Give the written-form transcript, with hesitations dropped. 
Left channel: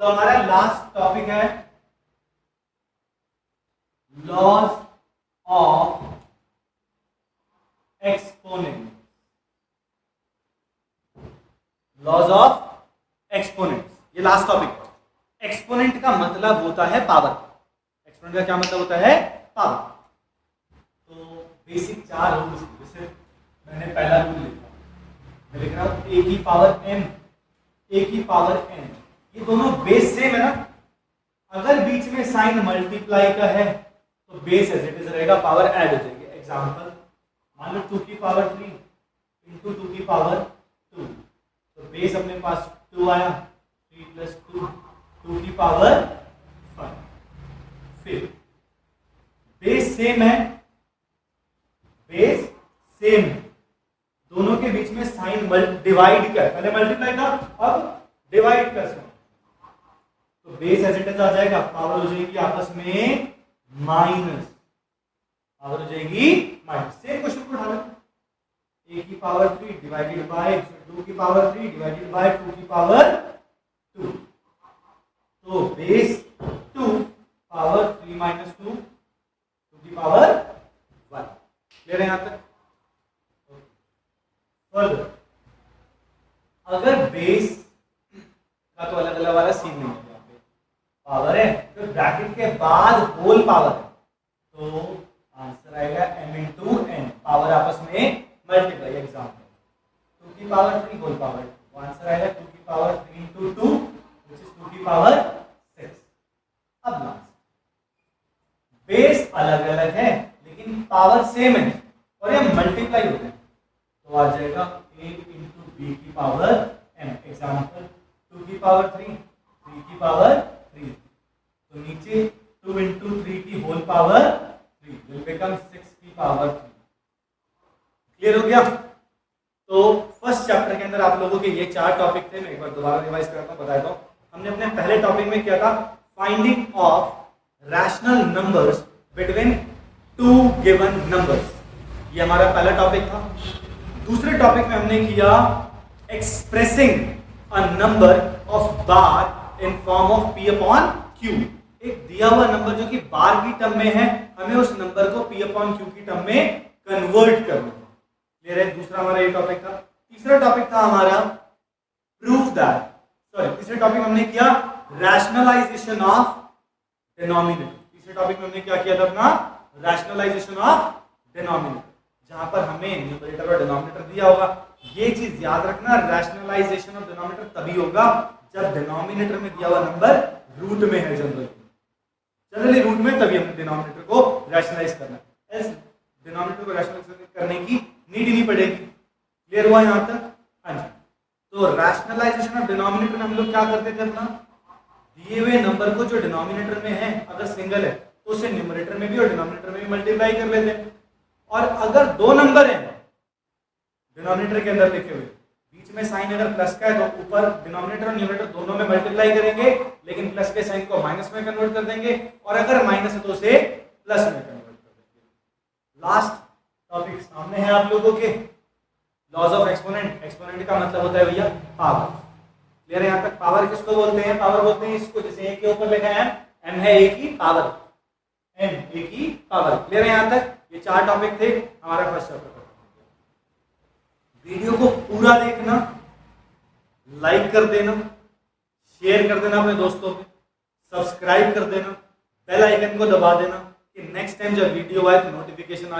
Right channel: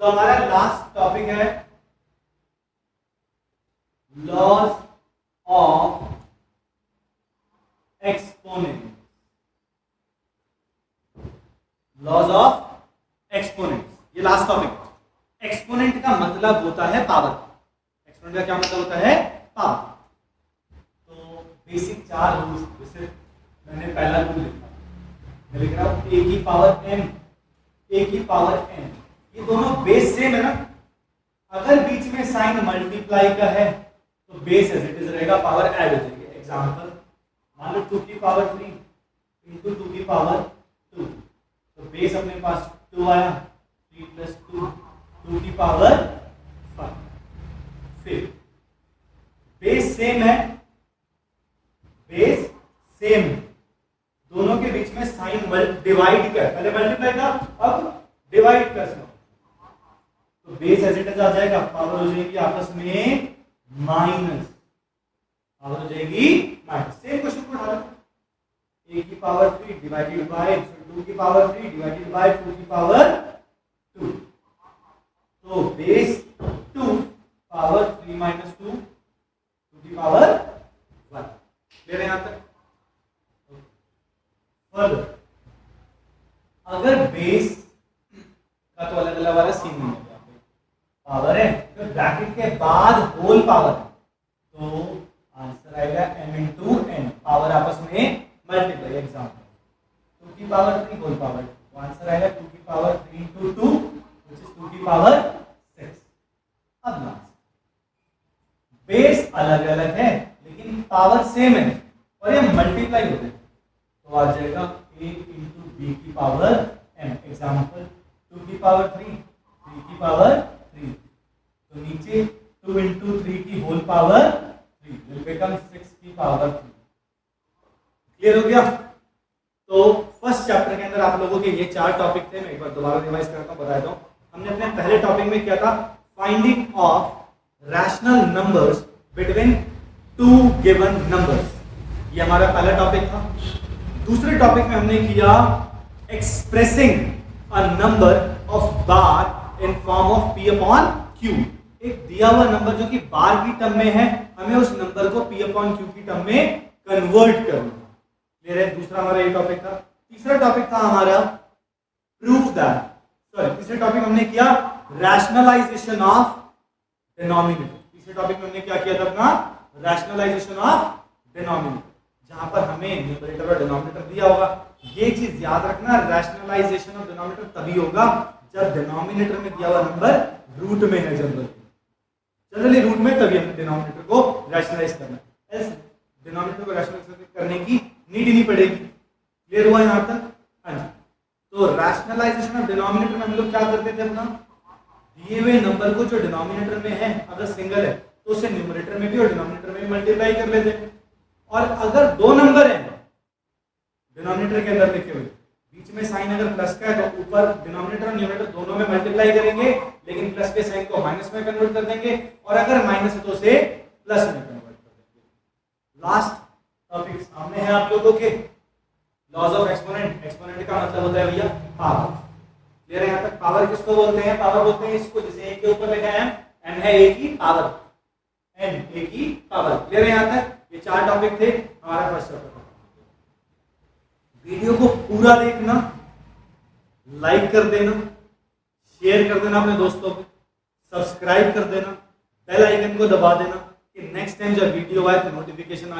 तो हमारा last topic है laws of exponent. Laws of exponent, ये लास्ट टॉपिक है। एक्सपोनेंट का मतलब होता है पावर। एक्सपोनेंट का क्या मतलब होता है? पावर। तो बेसिक 4 रूल्स, जैसे मैंने पहला रूल लिखा, मैं लिख रहा हूं ए की पावर m, ए की पावर n, ये दोनों बेस सेम है ना। अगर बीच में साइन मल्टीप्लाई का है तो बेस एज इट इज रहेगा, पावर ऐड हो जाएगी। एग्जांपल मान लो 2 की पावर 3 इंटू 2 की पावर 2, तो बेस अपने पास 2 आया, 3 प्लस 2, 2 की पावर 5। फिर बेस सेम है, बेस सेम है, दोनों के बीच में साइन डिवाइड का, पहले मल्टीप्लाई था अब डिवाइड कर सकते, तो बेस एज इट इज आ जाएगा, पावर हो जाएगी आपस में माइनस, पावर हो जाएगी माइनस। सेम क्वेश्चन को उठा लेते, ए की पावर 3 डिवाइडेड बाय 2 की पावर 3 डिवाइडेड बाय 2 की पावर 2, तो बेस 2 पावर 3 माइनस 2 2 की पावर 1। ले रहे हैं यहां तक। फर्दर अगर बेस का तो अलग अलग वाला सीन नहीं है, पावर है तो ब्रैकेट के बाद होल पावर है, तो आंसर आएगा m इंटू n, पावर आपस में मल्टीप्लाई। एग्जाम्पल 2 की पावर 3 होल पावर, तो आंसर आएगा 2 की पावर 3 इंटू 2 व्हिच इज 2 की पावर 6। अब लास्ट, बेस अलग अलग है लेकिन पावर सेम है और ये मल्टीप्लाई होते हैं, तो आ जाएगा a इंटू बी की पावर m। एग्जाम्पल 2 की पावर 3 3 की पावर 3, तो नीचे 2 इंटू 3 की होल पावर 3 विल बिकम 6 की पावर 3। क्लियर हो गया? तो फर्स्ट चैप्टर के अंदर आप लोगों के ये 4 टॉपिक थे। मैं एक बार दोबारा रिवाइज करता हूं, बताता हूं। हमने अपने पहले टॉपिक में किया था finding of rational numbers between 2 given numbers, ये हमारा पहला टॉपिक था। दूसरे टॉपिक में हमने किया expressing a number of bar in form of p upon q। एक दिया हुआ नंबर जो कि बार की टर्म में है, हमें उस नंबर को p अपॉन q की टर्म में कन्वर्ट करना। क्लियर है? दूसरा हमारा ये टॉपिक था। तीसरा टॉपिक था हमारा प्रूव दैट, सॉरी तीसरे टॉपिक हमने किया रैशनलाइजेशन ऑफ डिनोमिनेटर। तीसरे टॉपिक में हमने क्या किया था अपना? रैशनलाइजेशन ऑफ डिनोमिनेटर, जहां पर हमें न्यूमरेटर और डिनोमिनेटर दिया होगा। ये चीज याद रखना, रैशनलाइजेशन ऑफ डिनोमिनेटर तभी होगा जब डिनोमिनेटर में दिया हुआ नंबर रूट में है। जनरली रूट में, तभी हम डिनोमिनेटर को रैशनलाइज करना है, एल्स डिनोमिनेटर को रैशनलाइज करने की नीड ही नहीं पड़ेगी। क्लियर हुआ यहां तक? हाँ जी। तो रैशनलाइजेशन ऑफ डिनोमिनेटर में हम लोग क्या करते थे, अपना दिए हुए नंबर को जो डिनोमिनेटर में है अगर सिंगल है तो उसे न्यूमरेटर में भी और डिनोमिनेटर में भी मल्टीप्लाई कर लेते हैं। और अगर 2 नंबर हैं डिनोमिनेटर के अंदर लिखे हुए, बीच में साइन अगर प्लस का है तो ऊपर डिनोमिनेटर और न्यूमरेटर दोनों में मल्टीप्लाई करेंगे, लेकिन प्लस के साइन को माइनस में कन्वर्ट कर देंगे, और अगर माइनस है तो उसे प्लस में कन्वर्ट कर देंगे। लास्ट टॉपिक सामने है आप लोगों के, लॉज ऑफ एक्सपोनेंट। एक्सपोनेंट का मतलब होता है भैया पावर। क्लियर है यहां तक? पावर किसको बोलते हैं? पावर बोलते हैं इसको जिसे a के ऊपर लिखा है m है a की पावर, m a की पावर। क्लियर है यहां तक? ये 4 टॉपिक थे हमारे फर्स्ट चैप्टर का। वीडियो को पूरा देखना, लाइक कर देना, शेयर कर देना अपने दोस्तों पे, सब्सक्राइब कर देना, बेल आइकन को दबा देना कि नेक्स्ट टाइम जब वीडियो आए तो नोटिफिकेशन आ